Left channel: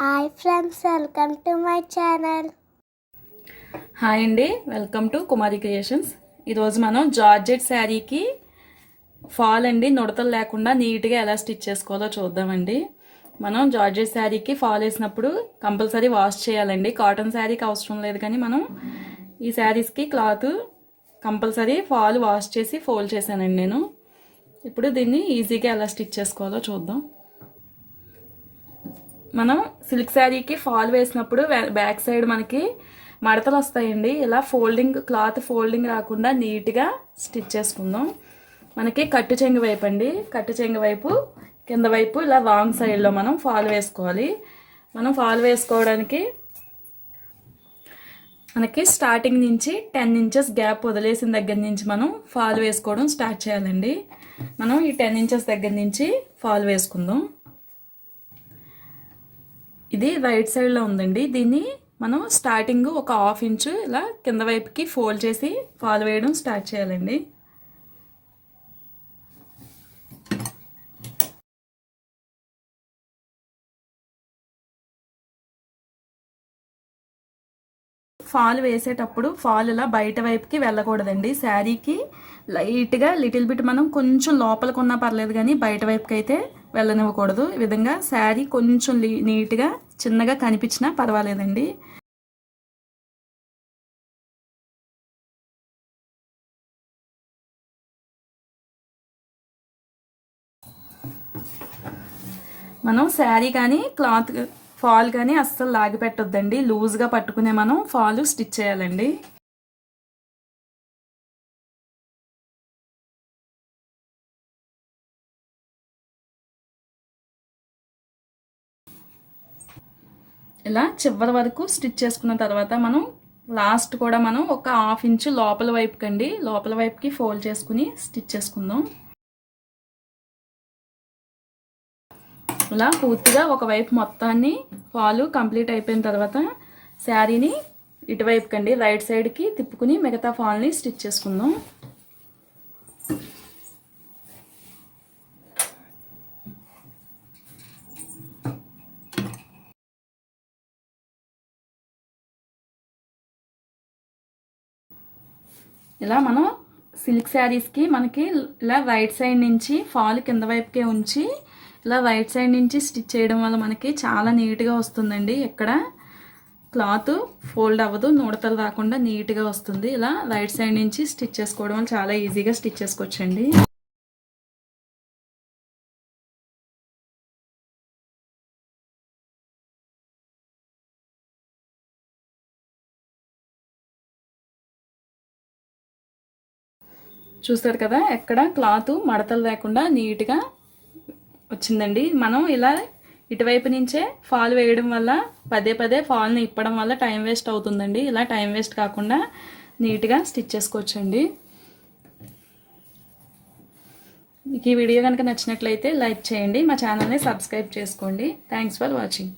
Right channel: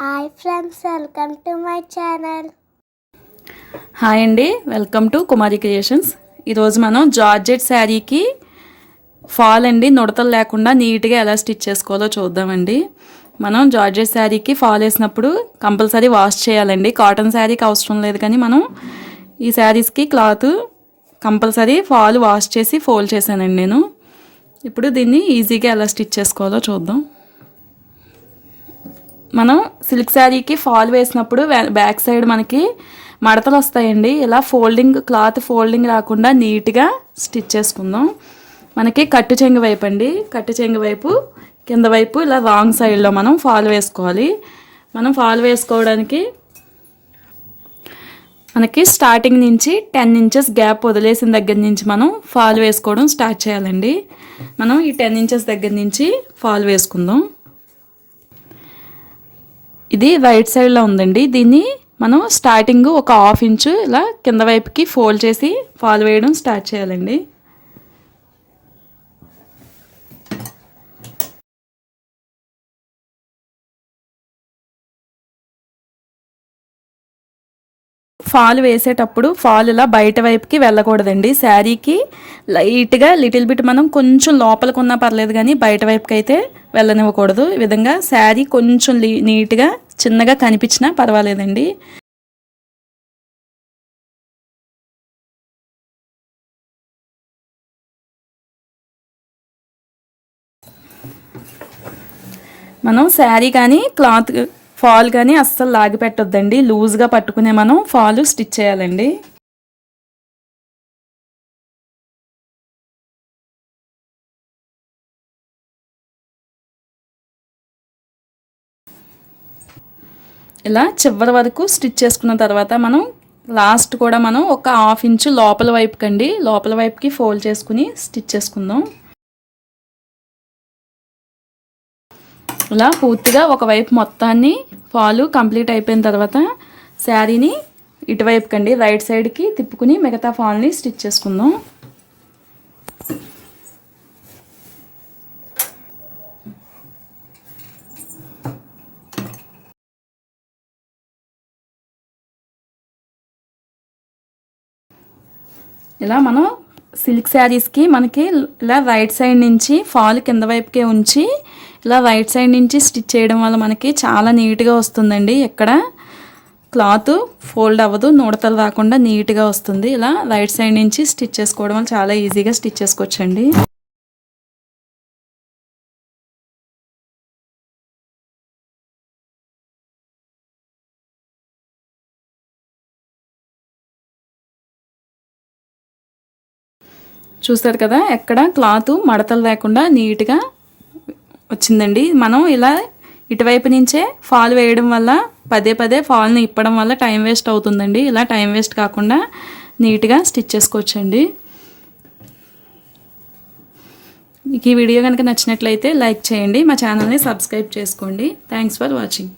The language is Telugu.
Hi friends welcome to my channel. Hi అండి వెల్కమ్ టు కుమారి క్రియేషన్స్. ఈరోజు మనం జార్జెట్ శారీకి ఫాల్ అండి నుడతలు లేకుండా నీట్గా ఎలా స్టిచ్ చేసుకోవాలో చూద్దామండి. మనం జార్జెట్ శారీకి ఫాల్ వేసినప్పుడు కంపల్సరీ వాష్ చేయాలండి. కాటన్ శారీకి అవసరం లేదు కానీ మనం ఈ శారీస్కి క్లాత్ కంపల్సరీ ఫాల్ వాష్ చేసి ఫోల్డ్ చేశానండి నేను. ఇప్పుడు దీన్ని ఈజీగా ఎలా స్టిచ్ చేసుకోవాలో చూద్దాం. మనం సిల్క్ శారీకి ఫాల్ వేసినప్పుడు బ్యాక్ సైడ్ మనకి మడతలు వస్తాయండి. ఇలా ఫోల్డింగ్ క్లాత్ ఫోల్డింగ్ రాకుండా నీట్గా స్టిచ్ చేసుకుందాం. మనకి కట్టు చెంగు వైపు అండి. కట్టు చెంగు వైపు కింద వైపు ఇలా రాంగ్ సైడ్లో మనం ఫాల్ వేసుకోవాలి. మనం ఫాల్ వేసుకోవడానికి మనకి స్టార్టింగ్ నుంచి టెన్ ఇంచెస్ గ్యాప్ వదిలేసిన దగ్గర నుంచి మనం ఫాల్ వేసుకోవడం స్టార్ట్ చేయాలండి. మనం ఈ టెన్ ఇంచెస్ దగ్గర నుంచి ఫాల్ వేసుకుందాం. ఇది రైట్ సైడ్లో ఉందండి. దీన్ని మనం స్టార్టింగ్ ఒక హాఫ్ ఇంచు ఇలా కింద వైపుకి ఫోల్డ్ చేసి ఫాల్ వేయడం స్టార్ట్ చేయాలండి. ఫాల్ వేసేటప్పుడు ఫాల్ ఇలా బయట వైపుకి వెళ్ళకూడదండి. శారీకి లైట్గా లిటిల్ బిట్ మనం కొంచెం లోపలికి ఉన్నా పర్లేదు కానీ బయట వైపుకి అయితే వెళ్ళనివ్వకూడదు. ఈ విధంగా శారీ కొంచెం నీట్గా చిన్నగా కనిపించినా పర్వాలేదండి. మనం శారీ కానీ క్లాత్ ఫాల్ కానీ అస్సలు లాగి పెట్టొద్దండి. లూజ్గా పట్టుకునే మనం ఫాల్ స్టిచ్ చేయాలండి. ఇలా చివరి వరకు స్టిచ్ చేసుకున్న తర్వాత మనం లాస్ట్ కూడా మనం ఒక హాఫ్ ఇంచు లోపల వైపుకి అండి లోపల వైపుకి ఫోల్డ్ చేసుకుని స్టిచ్ చేసుకుందాం. ఇలా పూర్తిగా ఒకవైపు మొత్తాన్ని ఫాలు కంప్లీట్ అయిపోయిన తర్వాత శారీని ఇటువైపు కండి రైట్ సైడ్కి తిప్పుకుని మిగతా ఫాల్ని స్టిచ్ చేసుకుందాం. ఇలా మనం సిల్క్ శారీస్కి మనకి ఇలా రైట్ సైడ్ నుంచి ఫాల్ కింద వైపుకే ఉంచి ఇలా రైట్ సైడ్ నుంచి స్టిచ్ చేయడం వల్ల మనకి చాలా నీట్గా వస్తుందండి. ఎక్కడ క్లాత్ ఫోల్డ్ అవ్వదు నూడతలు రాకుండా నీట్గా వస్తుంది. ఇలా రైట్ సైడ్ నుంచి స్టిచ్ చేసుకోవడం వల్ల చాలా ఈజీగా స్టిచ్ చేసుకోవచ్చండి. చూస్తారు కదా ఎక్కడ క్లాత్ మడతలు లేకుండా నీట్గా వచ్చిందండి. మనం ఇలా ఇటువైపు నుంచే ఫాల్ వేయడం వల్ల పదే పదే ఫాల్ని ఇప్పడం వల్ల టైం వేస్ట్ అవుతుందండి. ఇలా టైం వేస్ట్ కాకుండా నీట్గా స్టిచ్ చేసుకోవచ్చండి. మీకు ఈ వీడియో కనుక నచ్చినట్లయితే లైక్ చేయండి మా ఛానల్ని సబ్స్క్రైబ్ చేసుకోండి. Thanks for watching.